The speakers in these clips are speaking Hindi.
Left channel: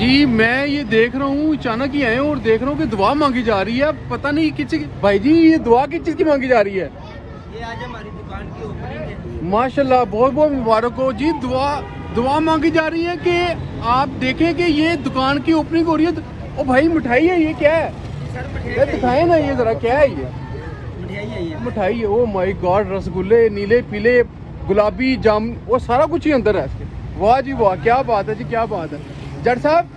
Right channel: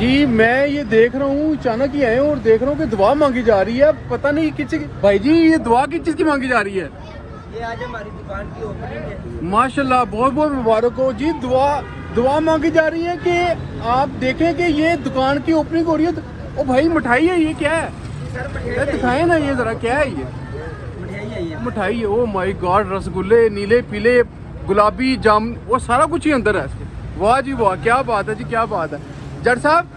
जी मैं ये देख रहा हूँ, अचानक ही आए और देख रहा हूँ कि दुआ मांगी जा रही है। पता नहीं किस भाई जी, ये दुआ किस चीज की मांगी जा रही है? ये आज हमारी दुकान की ओपनिंग है। माशाल्लाह, बहुत बहुत मुबारक हो जी। दुआ मांगी जा रही है कि आप देखें कि ये दुकान की ओपनिंग हो रही है। ओ भाई, मिठाई है, ये क्या है? सर ये दिखाए ना, ये जरा क्या है? ये मिठाई है ये। मिठाई है। ओ माय गॉड, रसगुल्ले नीले पीले गुलाबी जाम, वो सारा कुछ ही अंदर है। वाह जी वाह, क्या बात है जी, क्या बात है। जट साहब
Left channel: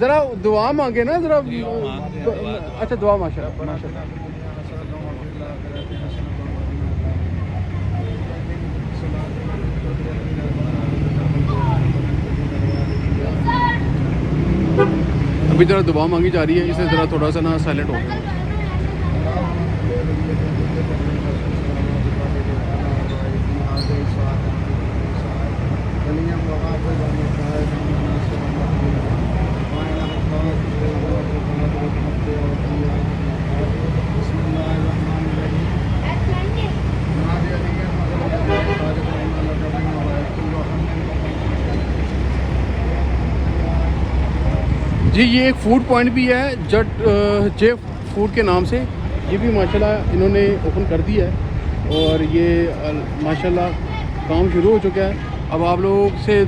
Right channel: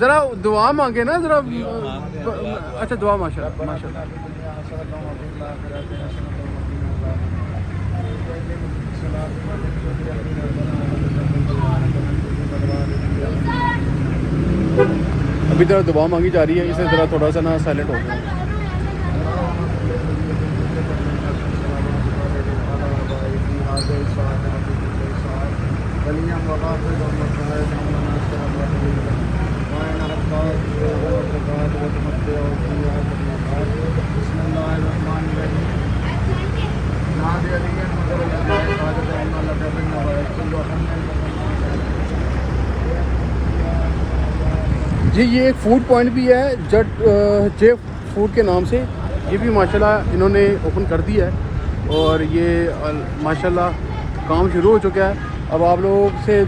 जरा दुआ मांगे ना जरा। अच्छा, दुआ माशाल्लाह। अभी जरा दुआ मांगी जा रही है, इसे जरा थोड़ा सा ना साइलेंट हो गया। जी ये एक फूड पॉइंट भी है, जे फूड के नाम से। ये भी माशाल्लाह इन्होंने ओपन कर दिया है और ये माशाल्लाह काम शुरू हो चुका है। अब आप लोगों से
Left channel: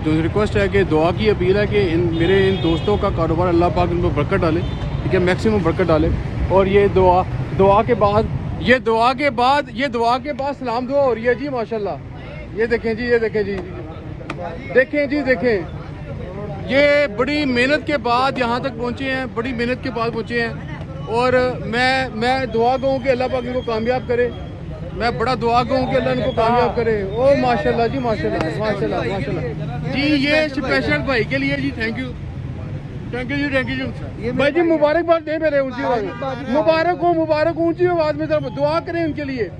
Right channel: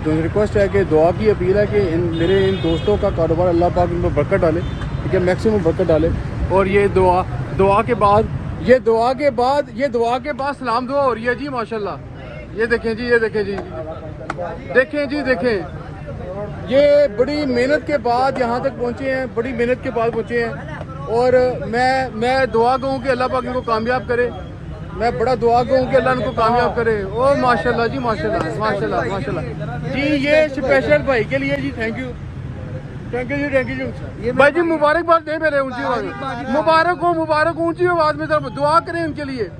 जो रिक्वेस्ट है कि दुआ की अपील है कि मेरे इन दोस्तों का कारोबार अल्लाह पाक उन पर बरकत डाले, ठीक है, मैक्सिमम बरकत डाले। और ये दुआ के बाद सलाम दुआ हो रही है जी माशाल्लाह। ये देखें जी, ये देखें जी, देखें जी, देखें। ये बड़ी मेहनत के बाद यहाँ तक पहुँचे हैं, बड़ी मेहनत के बाद पहुँचे हैं। और मैं दुआ दूँ कि अल्लाह पाक इनको कामयाब करे। मैं बड़ा दुआ दूँ कि अल्लाह इनको कामयाब करे। ओ माशाल्लाह जी, माशाल्लाह माशाल्लाह माशाल्लाह जी। ये स्पेशल भाई के लिए जी, थैंक यू जी। भाई जी मुबारकबाद दे मेरे ऊंची आवाज में। मुबारक हो ऊंची आवाज में, सब दुआ करें इनके लिए।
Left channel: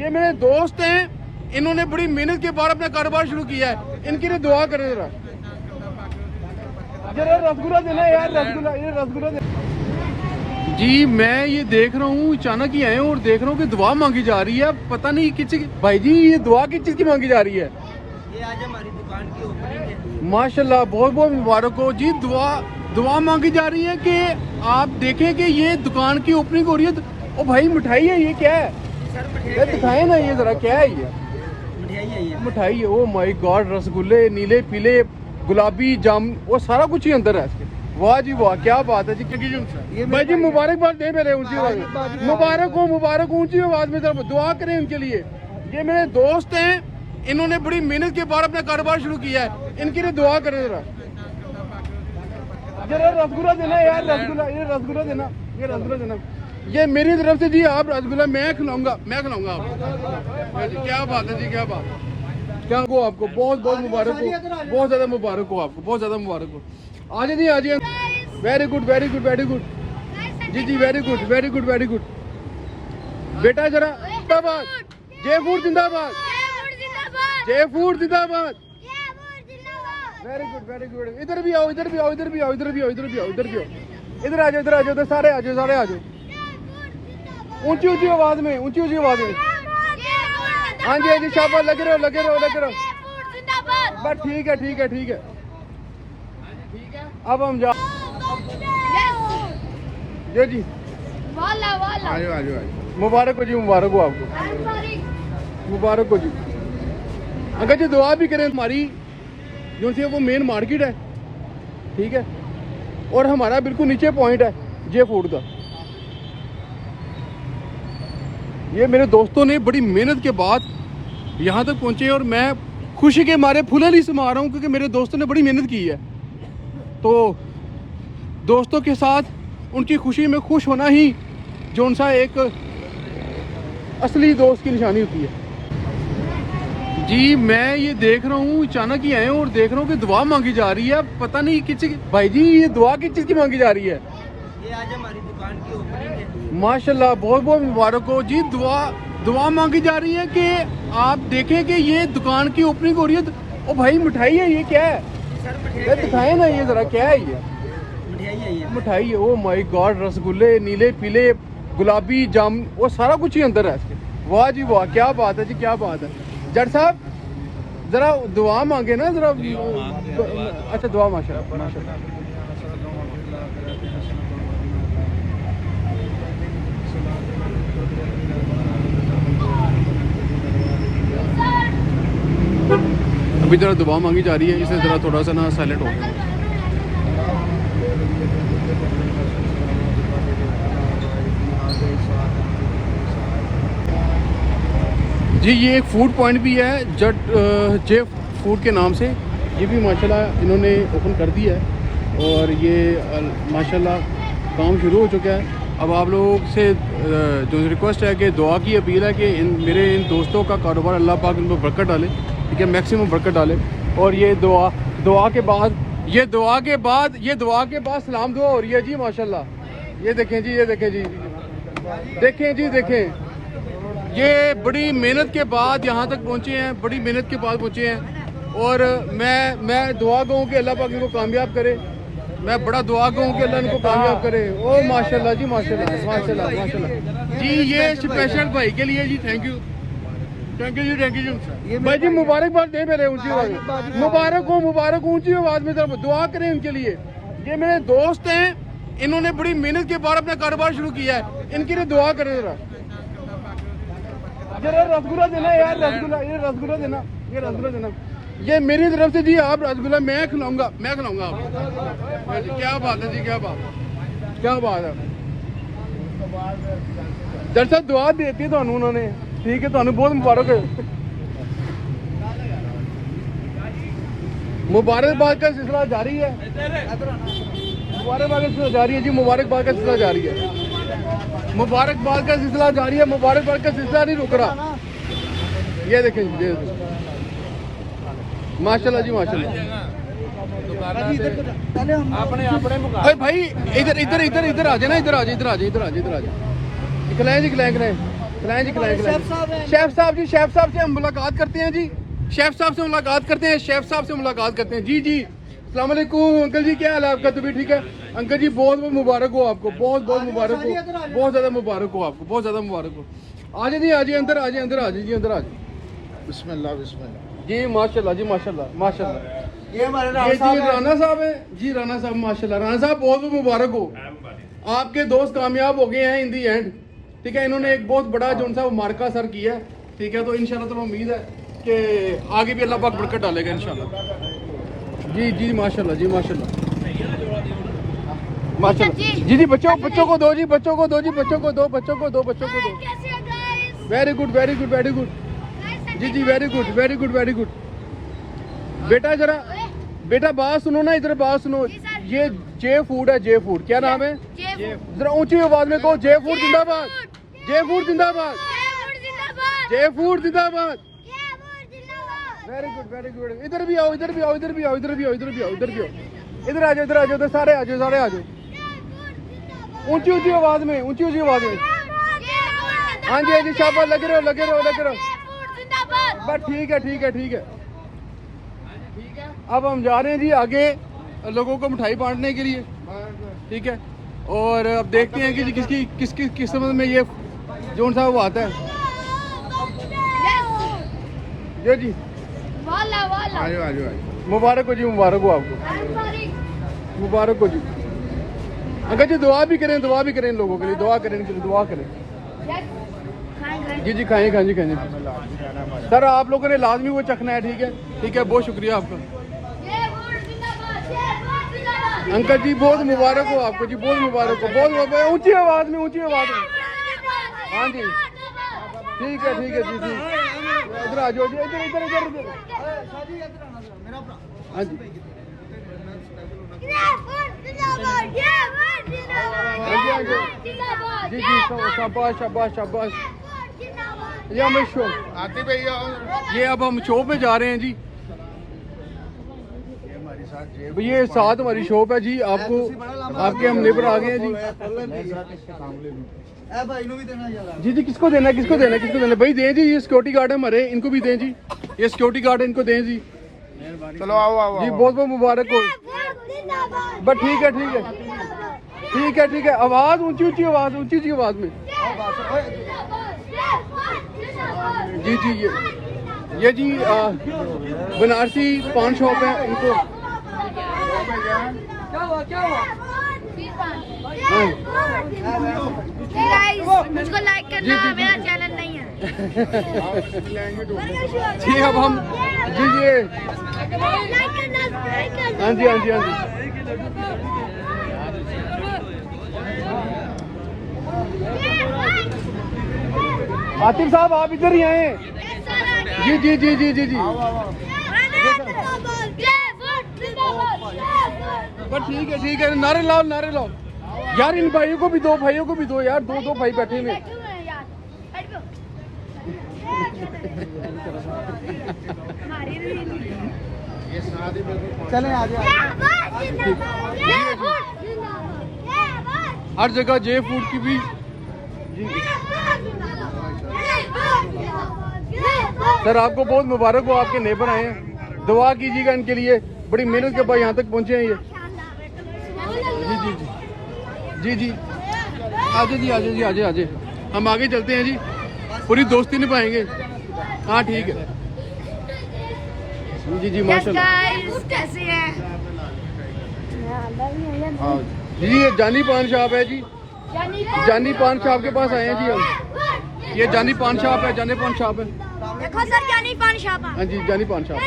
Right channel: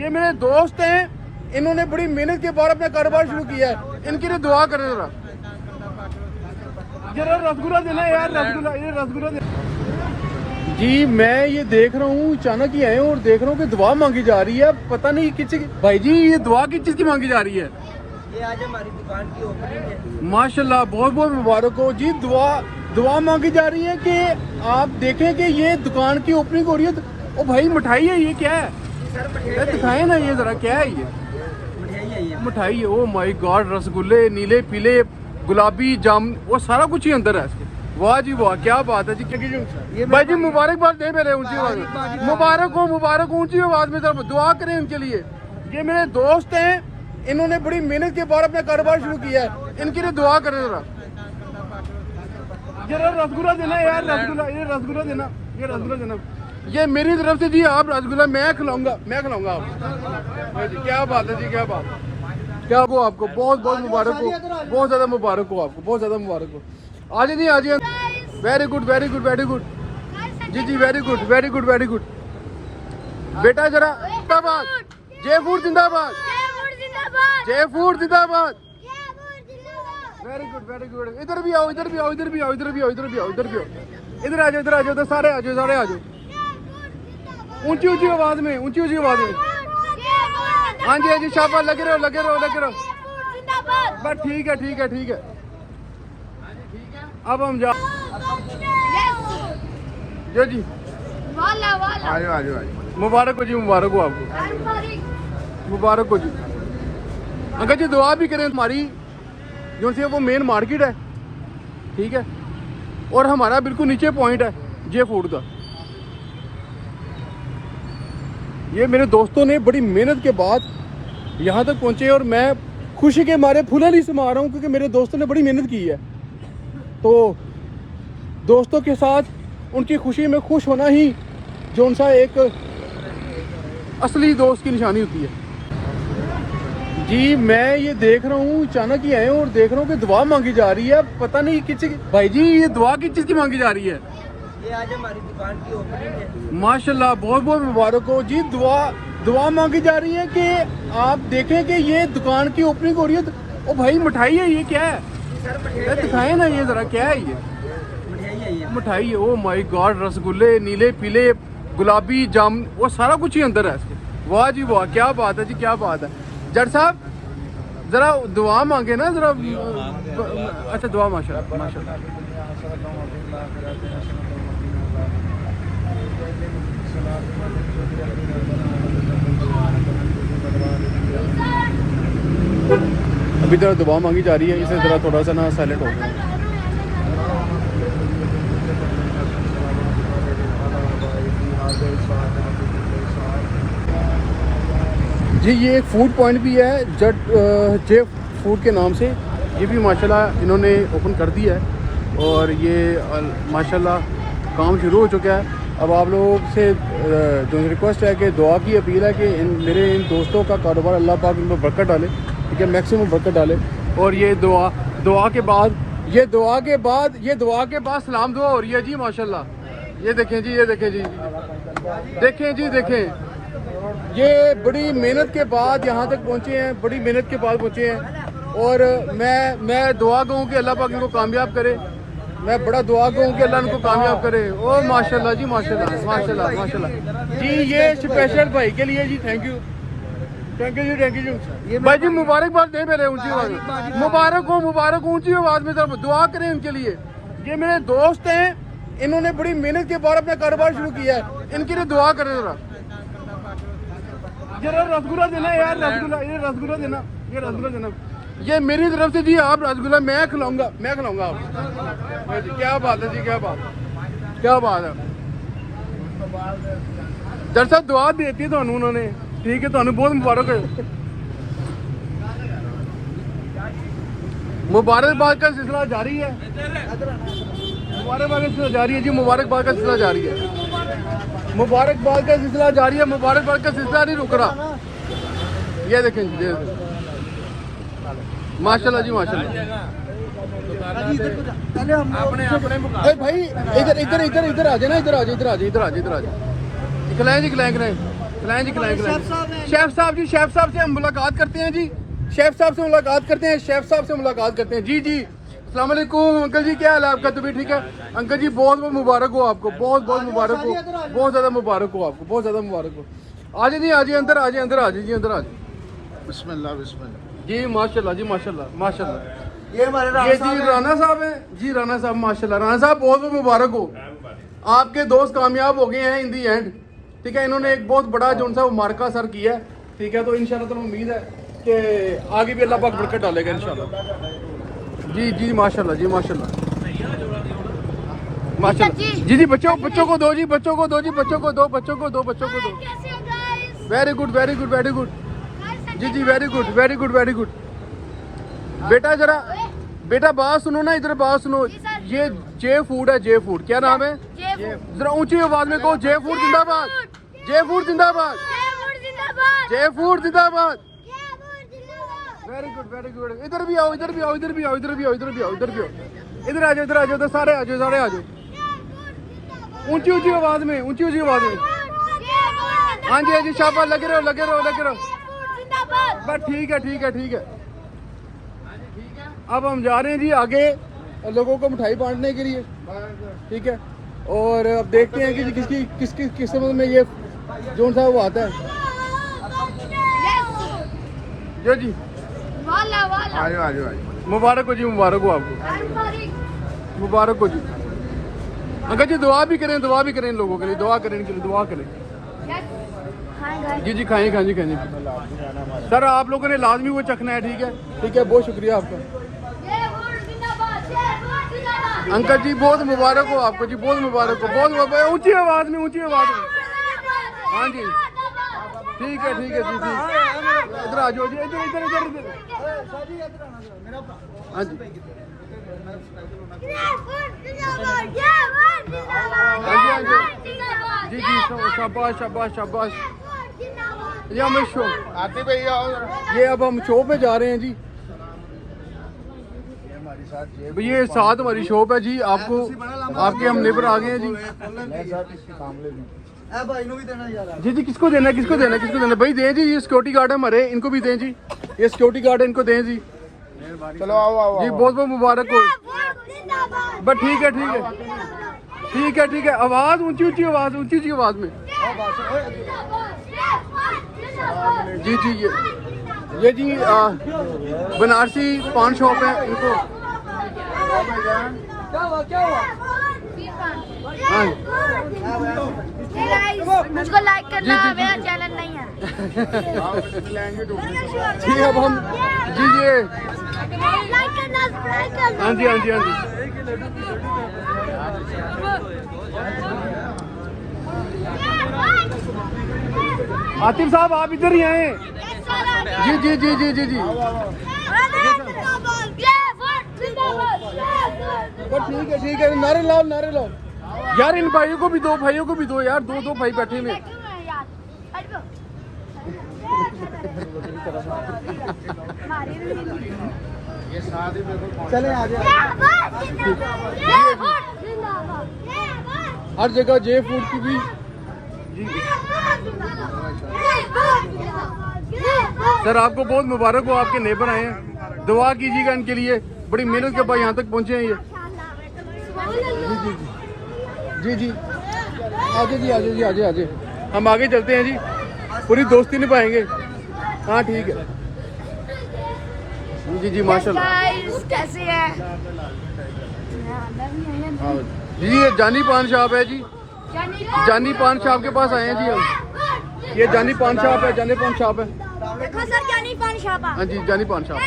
ये मेरे दोस्त हैं, इन्होंने बड़ी मेहनत के बाद अपना कारोबार शुरू किया है। इनके लिए दुआ करें जरा। रसगुल्ला देना यार, रसगुल्ला जी। मैं ये देख रहा हूँ, अचानक ही आए और देख रहा हूँ कि दुआ मांगी जा रही है। पता नहीं किस भाई जी, ये दुआ किस चीज की मांगी जा रही है? ये आज हमारी दुकान की ओपनिंग है। माशाल्लाह, बहुत बहुत मुबारक हो जी। दुआ मांगी जा रही है कि आप देखें कि ये दुकान की ओपनिंग हो रही है। ओ भाई, मिठाई है, ये क्या है? सर दिखाए ना, ये जरा क्या है? ये मिठाई है ये। मिठाई है। ओ माय गॉड, रसगुल्ले नीले पीले गुलाबी जाम, वो सारा कुछ ही अंदर है। वाह जी वाह, क्या बात है जी। भाई जी मुबारकबाद दे मेरे ऊंची आवाज में। मुबारक ऊंची आवाज में, सब दुआ करें इनके लिए। ये मेरे दोस्त हैं, इन्होंने बड़ी मेहनत के बाद अपना कारोबार शुरू किया है। इनके लिए दुआ करें जरा। रसगुल्ला देना यार, रसगुल्ला देना। ये मेरी तरफ से जी, आप रसगुल्ला मैं खिलाऊंगा आपको। क्या बात है जी, क्या बात है। क्या वो आपको बहुत बहुत मुबारक हो, बहुत ज़्यादा मुबारक हो आपको, बहुत ज़्यादा मुबारक हो। आज जी, आज वेरी गुड जी जी, वेरी गुड। बेटा जरा जिंदाबाद, जय फूड जिंदाबाद, जय फूड जिंदाबाद। Very good. इधर भी आओ, इधर आ जाओ, सारे आ जाओ। ऊंची आवाज में। हाँ जी, शाबाश, लगे रहो। बस ठीक है। अब हम जा जी। आ जाओ। मुबारक हो आपको, मुबारक हो जी। अगर जी दुआ भी करें, हमारी जो से वो मेन मार्केट है, ठीक है, और हमारा बिल्कुल नीचे पॉइंट है जे फूड का। ये मेरे दोस्तों ने बड़ी मेहनत के बाद यहाँ तक पहुँचे और मैं खुशी के मारे फूले नहीं समा रहा हूँ, क्योंकि मेरे दोस्तों ने बड़ी मेहनत की है। तो दोस्तों के साथ उनकी खुशी में खुश होना ही जो उनसा एक असली दोस्त की निशानी होती है। जी मैं ये देख रहा हूँ, अचानक ही आए और देख रहा हूँ कि दुआ मांगी जा रही है। पता नहीं किस भाई जी, ये दुआ किस चीज़ की मांगी जा रही है? ये आज हमारी दुकान की ओपनिंग है। माशाल्लाह, बहुत बहुत मुबारक हो जी। दुआ मांगी जा रही है कि आप देखें कि ये दुकान की ओपनिंग हो रही है। ओ भाई, मिठाई है, ये क्या है? सर दिखाए ना, ये जरा क्या है? ये मिठाई है। ओ माय गॉड, रसगुल्ले नीले पीले गुलाबी जाम, वो सारा कुछ ही अंदर है। वाह जी वाह, क्या बात है जी, क्या बात है। जट साहब जरा दुआ मांगे ना जरा। मांगते हैं दुआ, दुआ। अच्छा दुआ माशाल्लाह। अभी जरा दुआ मांगी जा रही है, इसे जरा थोड़ा सा ना साइलेंट हो गया। जी ये एक फूड पॉइंट भी है जे फूड के नाम से, ये भी माशाल्लाह इन्होंने ओपन कर दिया है और ये माशाल्लाह काम शुरू हो चुका है। अब आप लोगों से जो रिक्वेस्ट है कि दुआ की अपील है कि मेरे इन दोस्तों का कारोबार अल्लाह पाक इन पर बरकत डाले, ठीक है, मैक्सिमम बरकत डाले। और ये दुआ के बाद सलाम दुआ हो रही है जी माशाल्लाह। ये देखें जी, ये देखें जी, देखें जी, देखें ये बड़ी मेहनत के बाद यहाँ तक पहुँचे हैं, बड़ी मेहनत के बाद पहुँचे हैं। और मैं दुआ कहूँ कि अल्लाह पाक इनको कामयाब करे, मैं बड़ा दुआ कहूँ कि अल्लाह इनको कामयाब करे। ओ माशाल्लाह जी, माशाल्लाह माशाल्लाह माशाल्लाह जी। ये स्पेशल भाई के लिए जी, थैंक यू जी, थैंक यू जी। भाई जी मुबारकबाद दे मेरे ऊँची आवाज़, मुबारक हो ऊँची आवाज़ में जरा दुआ करें इनके लिए। ये मेरे दोस्त हैं, इन्होंने बड़ी मेहनत के बाद अपना कारोबार शुरू किया है, इनके लिए दुआ करें जरा। रसगुल्ला देना यार, रसगुल्ला देना, ये रसगुल्ला देना, ये मेरी तरफ से जी। आप रसगुल्ला मैं खिलाऊंगा आपको। क्या बात है जी, क्या बात है। दरअसल दुआ देती है उन्होंने, ठीक है, बहुत मुबारक है। मुबारकबाद का सिलसिला जारी है, मुबारकबाद का सिलसिला जारी है जी, मुबारकबाद का सिलसिला जारी है, मुबारकबाद का सिलसिला जारी है, मुबारकबाद का सिलसिला नहीं रुक रहा। ये देखें, ये माशाल्लाह जी, माशाल्लाह। अरे भाई इधर आ जाए ना, इधर आ जाए। खिलाएं जी, शेफ साहब से हम मुलाकात करते हैं जी, शेफ साहब से मुलाकात करते हैं जी। अस्सलाम वालेकुम अंकल जी, क्या हाल है आपका? तबीयत ठीक है अंकल जी? बहुत बहुत मुबारक हो आपको, बहुत मुबारक हो, बहुत ज़्यादा मुबारक हो आपको, बहुत ज़्यादा मुबारक हो। आ जाइए अंदर आ जाइए। बिस्मिल्लाह जी माशाल्लाह जी, माशाल्लाह। ये जी राना साहब हैं जी, राना साहब माशाल्लाह। राना साहब बहुत बहुत मुबारक हो, आपके दोस्त कामयाब हो गए हैं इन दी एंड, ठीक है। इन्होंने एक बहुत बड़ा जो सा मार्का सर किया है, ठीक है। तो इंशाल्लाह तो उम्मीद है कि आगे भी अल्लाह पाक बरकत डालेगा इंशाल्लाह। जी माशाल्लाह जी, माशाल्लाह जी। बच्चों को दो जी, बच्चों को दो। वेरी गुड जी, वेरी गुड। बेटा बात सुनो ना, इधर बात सुनो। ये जे फूड है, जे फूड, क्या नाम है? जरा ऊंची आवाज में कहो, जे फूड जिंदाबाद, जे फूड जिंदाबाद। Very good. इधर भी आओ, इधर आ जाओ, सारे आ जाओ। ऊंची आवाज में। हाँ जी शाबाश, लगे रहो। बस ठीक है। अब हम जा रहे हैं जी आगे लोगों को मिठाई बांटने के लिए, ठीक है। और अब देखते हैं कि किसकी किस्मत में ये जोन सा वो आता है। जो जी आ जाओ। मुबारक हो आपको, मुबारक हो जी। अगर जी दुआ भी करें लोगों के लिए, दुआ करें। जी खाएं। सर आप लोगों ने लाजमी वो चखना है, ठीक है। बहुत शुक्रिया आपका अंकल जी, बहुत मुबारक हो आपको जी, बहुत मुबारक हो। बहुत ऊंची आवाज में। हाँ जी ठीक है जी। इधर आ जाओ जी, इधर। हाँ जी शाबाश। ये अब हम शो पे जा रहे हैं जी, ये साथ हमारी शॉप है जी। आपके हम लेबर आ गए हैं जी। जी किसको देना भाई? दें जी, ये सिक्योरिटी गार्ड है हमारे, इनको भी दें जी। ये सिक्योरिटी गार्ड है, इनको दें जी। चलो आओ जी बहुत मुबारक हो। बस ठीक है। आवाज ऊंची आवाज में। जी ये ये जी बनारसी पान शॉप है इनको। मुझको लाइक करना, मेरा चैनल नहीं है। जी अब हम जी ये लाइक करना, लाइक करना। हाँ जी हाँ जी हाँ जी। आतिफ साहब आप इधर ही आए। जी जी जी जी जी जी बस ठीक है नारे लाओ यार। इन भाइयों को भी दो यार, दो भाई बैठे हुए। ये साथ ही बिल्कुल चले आ जाओ। हर जगह जे फूड की भी। सर आपको बहुत मुबारक हो, आपके नेबर आए हैं, दुआ कीजिएगा इनके लिए, बड़ी मेहनत के बाद यहाँ तक पहुँचे हैं ये। जी जी जी जी जी आजे हम आगे चलते हैं जी, पूरी दोस्ती निभाएंगे। हाँ ठीक है जी माशाल्लाह। कैसे हैं? हाँ जी ये जानी पान शॉप है जी, जानी पान शॉप के पास आए हैं जी हम। ये जानी पान शॉप है, जानी पान शॉप है। देखो सर, जानी पान शॉप। हाँ जी जानी पान शॉप।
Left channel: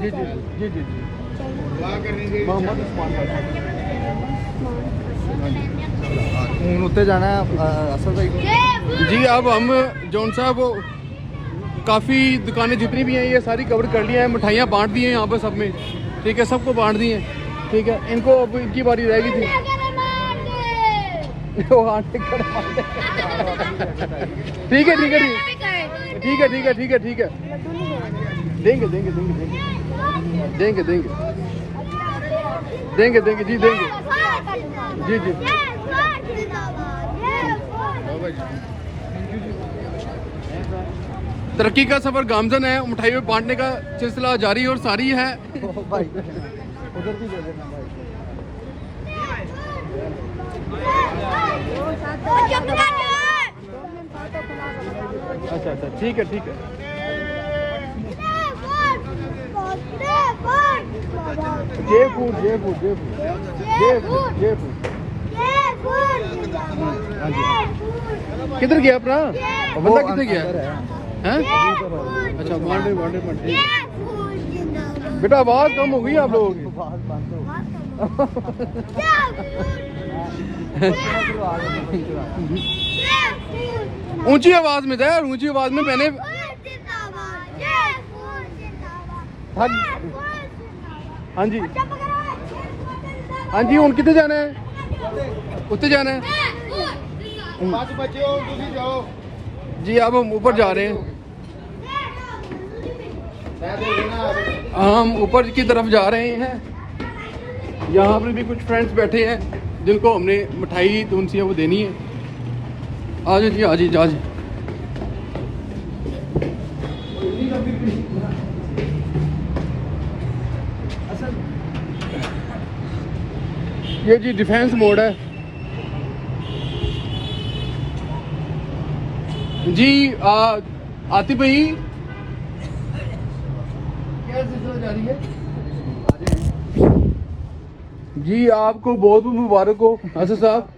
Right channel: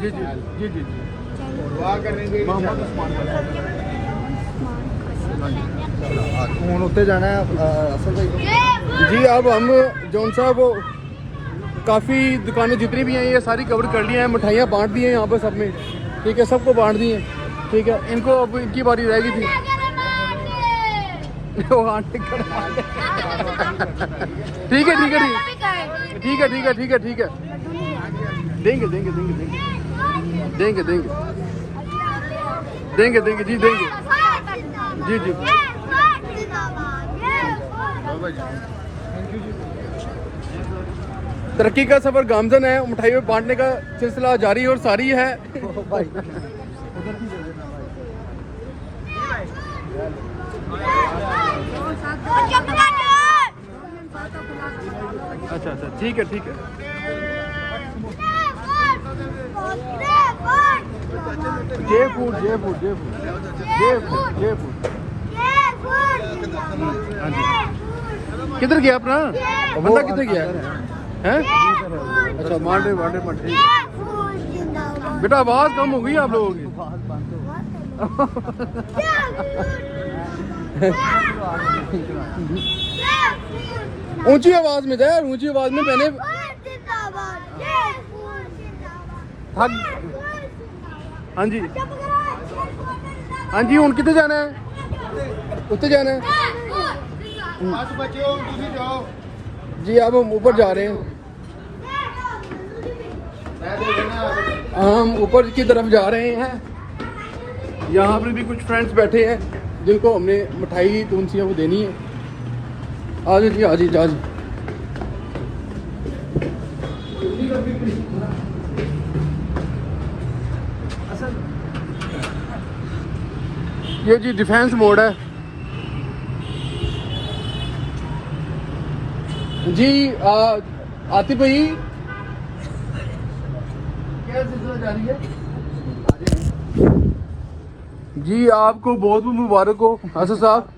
जी जी जी जी दुआ करेंगे हूं उत्ते जाना है असल भाई को। जी अब हम जौन साहब वो काफ़ी दुकानें जितनी भी हैं ये सारी कवर कर ली हैं, मिठाइयाँ बांट दी हैं यहाँ पर सब में, ठीक है, सबको बांट दी हैं, ठीक है। इनको अब इनकी बारी रहेगी थी। ठीक है देंगे जी देंगे जी जी। तरक्की का सफर गामजन है, मिठाई बांटने का सिलसिला जारी और सारी है। अच्छा ठीक है जे फूड किधर गया अपना वो किधर गया है? अच्छा मांडे बेटा आवाज कम हो गई आप लोगों की। ऊंची आवाज में था यार, ऊंची आवाज में मैंने। हाँ जी हूँ कितने जाना है? उत्ते जाना है जी। अब हम ऊपर जा रहे हैं, हम ऊपर की तरफ जा रहे हैं। यहाँ पे भी कुछ फ्रेंड्स बैठे हैं जिनको हमने मिठाई तुनसियाँ वो देनी है। आज जी ये जी डिफेंस मोड है जी। आतिफ भाई क्या सिलसिला जारी है जी? आपको बहुत मुबारक हो असद साहब,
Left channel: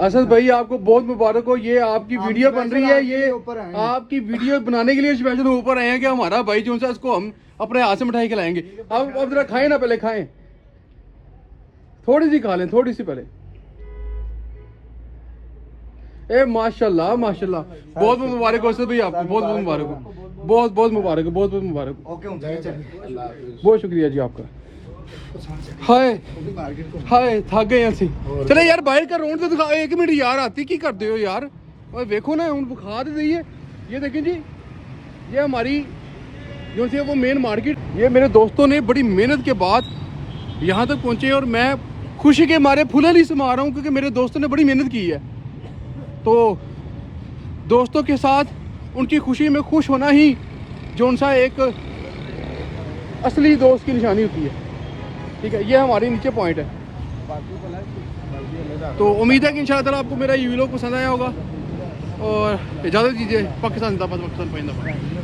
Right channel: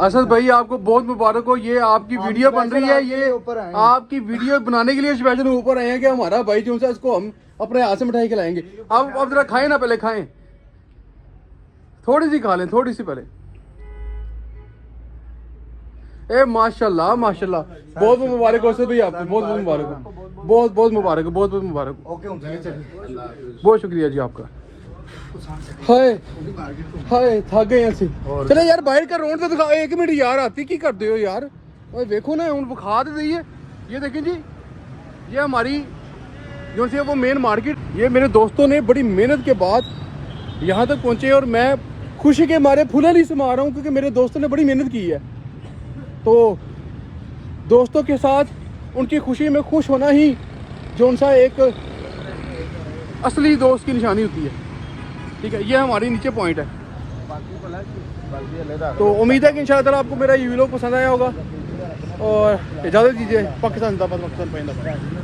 असद भाई आपको बहुत मुबारक हो। ये आपकी वीडियो बन रही है, ये आपकी वीडियो बनाने के लिए स्पेशल ऊपर आए हैं कि हमारा भाई जो सा इसको हम अपने हाथ से मिठाई खिलाएंगे। आप जरा खाएं ना, पहले खाएं, थोड़ी सी खा लें, थोड़ी सी पहले। ए माशाल्लाह बहुत मुबारक हो असद भाई आपको, बहुत मुबारक हो, बहुत मुबारक हो, बहुत मुबारक हो। बहुत शुक्रिया जी आपका। हाय थक गए ਅਸੀਂ। चले यार बाहर का रोड तो दिखा, एक मिनट यार आती की करते हो यार? और देखो ना उन बुखा दे दी है। ये देखें जी, ये हमारी जो सी वो मेन मार्केट। ये मेरे दोस्तों ने बड़ी मेहनत के बाद यहाँ तक पहुँचे और मैं खुशी के मारे फूले नहीं समा रहा हूँ क्योंकि मेरे दोस्तों ने बड़ी मेहनत की है। तो दोस्तों के साथ उनकी खुशी में खुश होना ही जो सा एक असली दोस्त की निशानी होती है, ठीक है। ये हमारी नीचे पॉइंट है। तो उम्मीद है कि इंशाल्लाह ताला आपको मेरा ये व्लॉग पसंद आया होगा और इजाज़त दीजिए। पाकिस्तान जिंदाबाद, पाकिस्तान जिंदाबाद।